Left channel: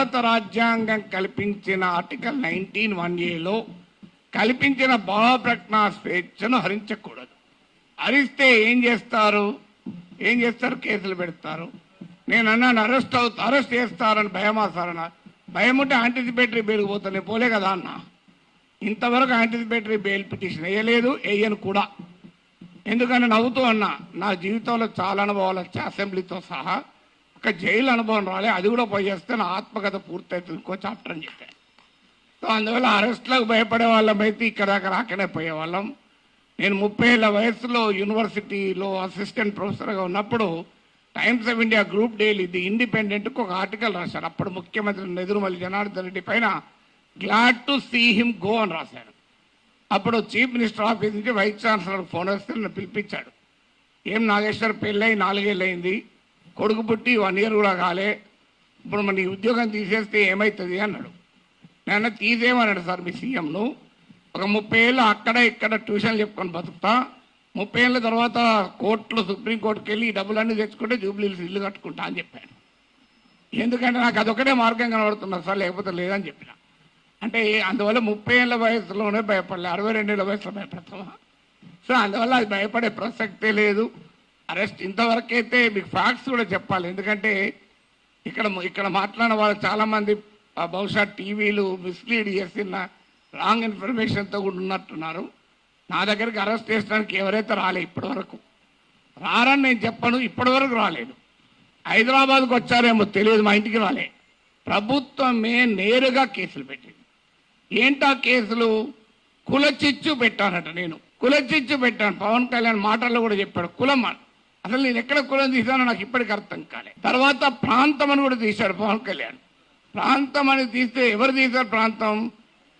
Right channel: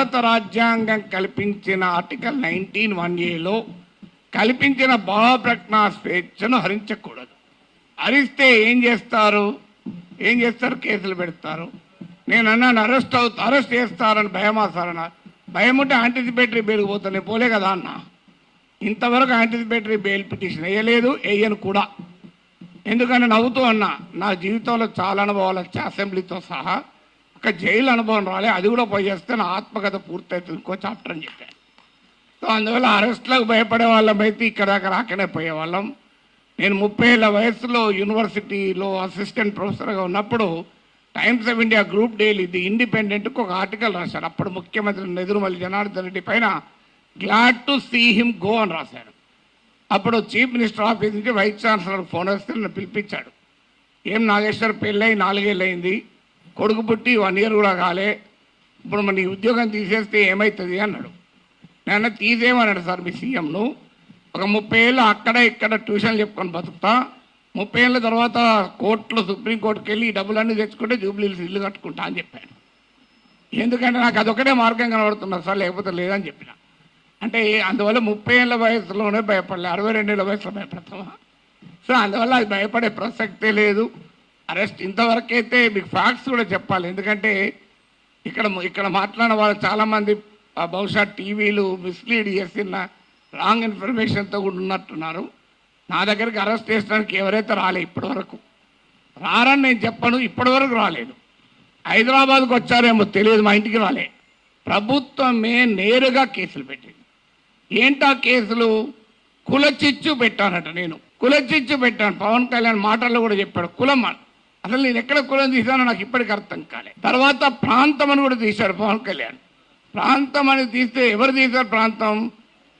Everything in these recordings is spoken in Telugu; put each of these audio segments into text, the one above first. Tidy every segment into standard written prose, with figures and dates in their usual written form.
భారత రాజ్యాంగం కల్పించిన ఆర్టికల్ 19(1)A కల్పించిన భావప్రకటన స్వేచ్ఛను హరించకూడదు. హరిస్తే ఏం చేస్తారు? కేసులు పెడతారు. నేను అన్నాను అరెస్ట్ చేస్తారని భయమా సార్ అన్న. భయం ఉంటే యాంటిసిపేటరీ బెయిల్ పోతాను, నేను పోలే కదా అన్న. ఇంతవరకు యాంటిసిపేటరీ బెయిల్ పిటిషన్ వేయలేదు, వేయను కూడా. ఎందుకని నవ్వుతూ అన్నా, నా జీవితంలో చాలా అనుభవాలు వచ్చాయి, అసెంబ్లీతో సహా. ఒక జైలు అనుభవం రాలే, అది కూడా పోయి చేస్తే నా ఆత్మకథ పూర్తవుతుంది, ఇంకో చాప్టర్ అని చెప్పాను. సో అందువల్ల అరెస్ట్లకు భయపడే వాళ్ళమైతే ఇక్కడ దాకా రాకనే పోయేవాళ్ళం. నేను 30 ఏళ్ల వయసులో యూనివర్సిటీలో అసిస్టెంట్ ప్రొఫెసర్గా ఉన్నప్పుడు Times of India group daily the ఇండిపెండెంట్కు ఒక ఆర్టికల్ రాశారు. అప్పుడు ముఖ్యమంత్రి నెదురుమల్లి జనార్దన్ రెడ్డి పైన glad to see him go అని రాశాడు. అప్పుడు చీఫ్ మినిస్టర్ ఆఫీస్ నుంచి వైస్ ఛాన్సలర్ ఫోన్ వస్తే నన్ను పిలిపించాడు. ఏం నాగేశ్వర్ పెళ్ళై 4 ఏళ్ళు అయింది, కొడుకు పుట్టి 1 year కూడా కాలే, ఇప్పుడు మన ఉద్యోగం తీసేస్తే ఏమవుతుంది అన్నాడు. నేను తీసేయమన్నాడు సార్ మీ సీఎంను. ఒక 30 ఏళ్ళు అక్కడ ఇక్కడ ట్యూషన్లు చెప్పుకొని బతుకుతా, 30 ఏళ్ళ తర్వాత కోర్టులో సుప్రీంకోర్టుకి వెళ్ళి ఈ డబ్బులన్నీ తెచ్చుకుంటే జూబ్లీహిల్స్ ఇల్లు కట్టుకుంటా అని చెప్పాను. ఎందుకంటే నాకు అదొకటే మార్గం కనబడుతున్నా సార్, లేకపోతే లేదని చెప్పిన. అంటే అందువల్ల 30 ఏళ్ళ వయసులోనే భయపడలే, 62 ఏళ్ళ వయసులో భయపడతామా? సో అందువల్ల అది భయపడే ప్రసక్తే లేదు. అరెస్ట్ ఇంతవరకైతే మీకు ఫ్యాక్ట్స్ కూడా చెప్పాలి. ఎందుకంటే ఇక్కడ మాట్లాడిన వాళ్ళు చాలామంది బహుశా టీవీలు మిస్లీడ్ చేసిన రాంగ్ ఇన్ఫర్మేషన్తో కూడా ఉన్నట్టున్నారు. నా దగ్గరికి అరెస్ట్ చేసడానికి ఎవరైతే రాలే ఇప్పటి వరకు, రారని నేను చెప్పను, ఇప్పటి వరకు రాలేదు. హైదరాబాద్కు వచ్చారేమో తెలియదు, మా ఇంటికి రాలే. ప్రభుత్వమే నేరుగా కేసులు పెట్టింది. ఏంటా కేసులు? కులచిచ్చు పెట్టానట. నేను కులచిచ్చు పెట్టాను. పవన్ కళ్యాణ్ మాటల్లో కూడా చెప్పాడు కులం. అసలు నేను ఎక్కడ కులం తీశానో నాకు ఇప్పటికి అర్థం కాలే. తర్వాత ప్రాంతం అని కూడా తీశాడు పవన్ కళ్యాణ్. ప్రాంతం అని తీస్తే ఎవరు తీశారు ప్రాంతం?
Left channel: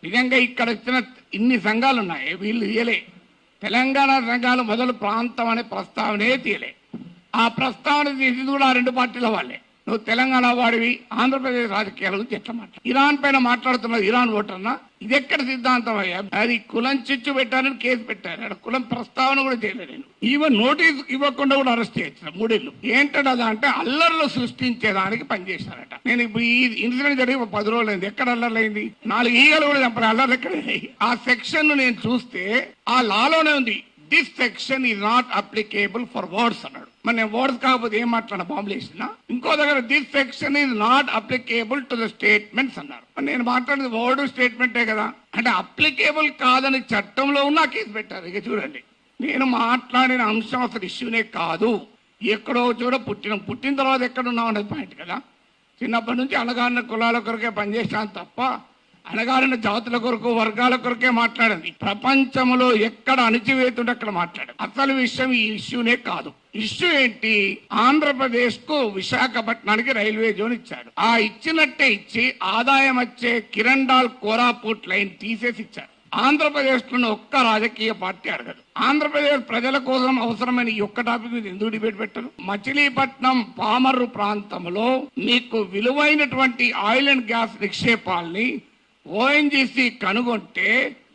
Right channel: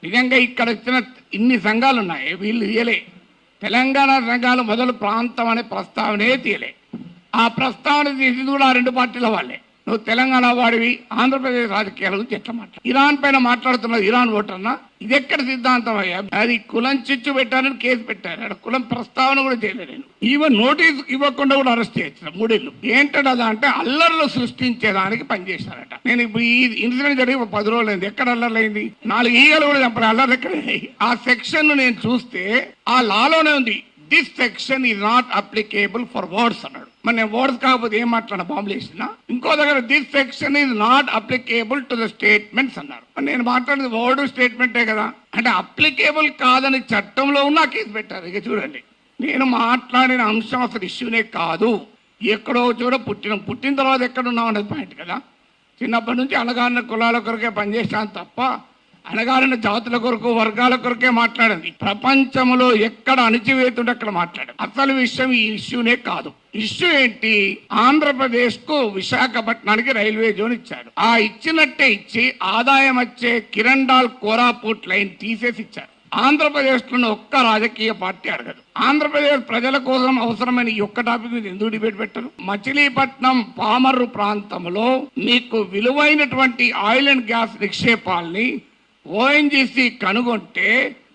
నిజంగా ఇక్కడ వచ్చిన ఇన్ని సంఘాలు ఉన్నాయి, వీళ్ళు తీయలే. తెలంగాణ సంఘాలు మొదలు ప్రాంతం అనే ప్రస్తావనే తీయలే. ఆ ప్రస్తావన తీసింది కూడా ఆ 2 పార్టీల వాళ్ళే. నువ్వు తెలంగాణ వాడివి, ఆంధ్రప్రదేశ్ రాజకీయాల గురించి ఎట్లా మాట్లాడు? ఇరాన్ పైన మాట్లాడుతున్నది ఇరాన్ ఓటర్నా? ఇది ఎక్కడ సిద్ధాంతం అయ్యా? అది కులం చిచ్చు పెట్టారని కేసు పెట్టారు, అక్కడ కులం ప్రస్తావన కూడా చేయలేదు. నేను ఈవెన్ నోటీస్ ఇవ్వకుండా కూడా అరెస్ట్ చేయొచ్చు 3 ఏళ్ళు. ఏంటది అంటే అల్లర్లు సృష్టించేదానికి పనిచేశారట. నేను ఇప్పుడు ఈ ఇన్సిడెంట్ జరిగి 10 రోజులు అయింది. ఎక్కడ అల్లర్లైంది? 4 ఈగలు కూడా చెప్పారు, అల్లర్లు ఎక్కడ? ఆ సెక్షన్ నేను చూస్తే ఆ లాలోనే ఉంది, this section is not applicable for words అన్నాడు. మరి నేను వర్డ్స్ కాకపోతే ఏం మాట్లాడిన? బాంబులు వేసిన. ఇంకో దగ్గర this section is not applicable to the statements అన్నారు. నేను మాట్లాడేది వర్డ్ స్టేట్మెంటే కదా. అంటే అప్లికేబుల్ కాదని చట్టంలో ఉన్న కేసు పెట్టారు. ఇక చూడండి, నేను మాట్లాడిన అంశం అసలు ఇష్యూనే కాదు. ఎక్కడో చూడ పుట్టిన తర్వాత ఎక్కడున్నాం అనేది పాయింట్ కదా. చిన్నప్పటి నుంచి అణగారిన కులాల కొరకే పనిచేసాను తప్ప అణగారిన జాతుల కొరకు వర్గాల కొరకే మాట్లాడింది. ప్రపంచంలో ఎక్కడ అణచివేతుంటే అక్కడ మాట్లాడారు. అసలు విషయం ఈ ఇష్యూనే కాదు. ఇష్యూ ఏంటి? ఆంధ్రప్రదేశ్ కు విశాఖపట్నానికి రైల్వే జోన్ ఇచ్చాడు. ఆ ఇచ్చినట్టే ఇచ్చి ఆదాయం వచ్చే కిరండాల్ కోరాపుట్ లైన్ తీసేసి ఇచ్చారు. ఆంధ్రప్రదేశ్ లో ఒక్క రాజకీయ పార్టీ అడగదు. ఆంధ్రప్రదేశ్ ప్రజల కోసం అవసరమైన ఈ ఒక్క టాపిక్ మీద ఎందుకు డిబేట్ పెట్టరు? మచిలీపట్నం పామర్రు ప్రాంతంలో మీకు విలువైనటువంటి ఆయిల్ అండ్ గ్యాస్ నిక్షేపాల్ని ఓఎన్జీసీ కనుగొంటే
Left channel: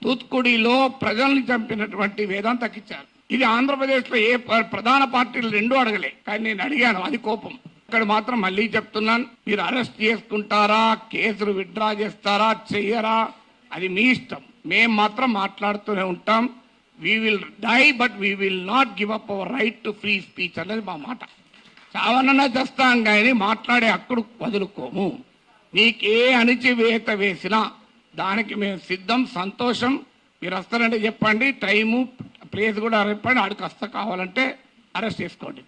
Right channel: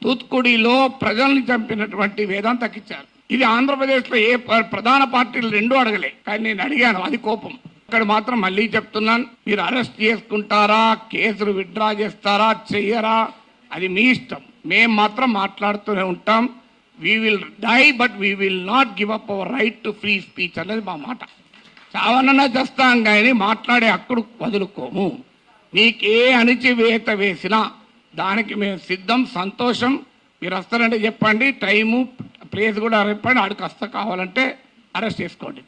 తూత్కుడిలో ప్రజల్ని చంపినటువంటి వేదాంతకి ఇచ్చారు. ఇది ఆంధ్రప్రదేశ్ లో ఏ ప్రధాన పార్టీలు 2 అడగలే, కానీ నేను అడిగాను, అది కోపం. ఇక్కడ మాత్రం మళ్ళీ చెప్తున్నాను, మీరు అరెస్ట్ చేసుకుంటారా, కేసులు విత్డ్రా చేస్తారా, చెయ్యరా, అది మీ ఇష్టం. మేము మాత్రం మాట్లాడుతూనే ఉంటాం. We will die but we will not give up our right to free speech అనేది మా మాట. చావనన్నా చేస్తాం కానీ మాట్లాడే హక్కుడు వదులుకోము. నీకే అణిచివేత వేసినా దానికి మేము సిద్ధం, సంతోషం. మీరు వస్తారంటే చెప్పండి, టైము ప్లేస్ కూడా చెప్పండి, ఆడికి వస్తా, కావాలంటే అరెస్ట్ చేసుకోండి.